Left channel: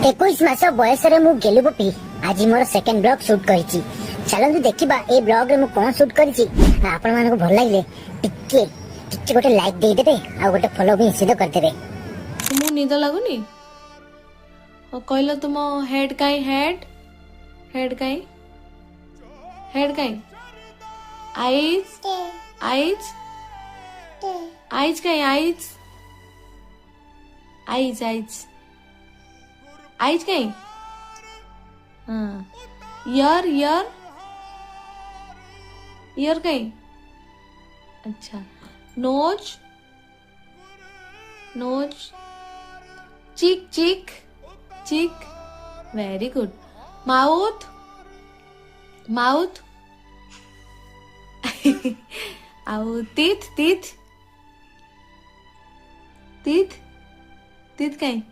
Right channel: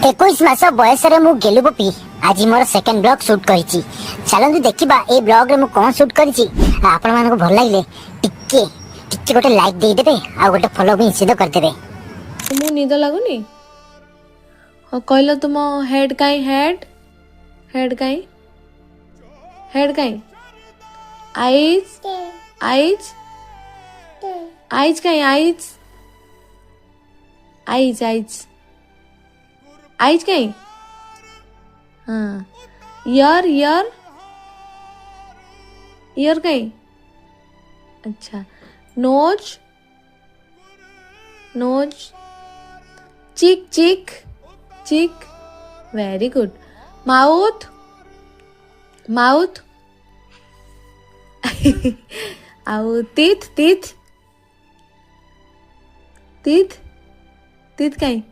21 मास बयस मु गेलु गोपी आज मोर सेकंड ब्लॉग शूट करिछि। चलंतु देखिबा ए ब्लॉग रे मु कोन शूट करिछि। आपण मानको भल लागिले टिके टिके गोटे लाइक दे देबे आ गोटे फॉलो भी निश्चित कर देबे। तुमको निद लागुनी? कहलो तुम हेड काई हेड हेड काई हेड काई आईज आईज आईज काई आईज आईज आईज आईज काई हाँ ईयर ईयर ईयर काई अच्छा नोज नोज चिक चिक चिक वेरी गुड माउथ माउथ आउ टीथ टीथ टीथ टीथ काई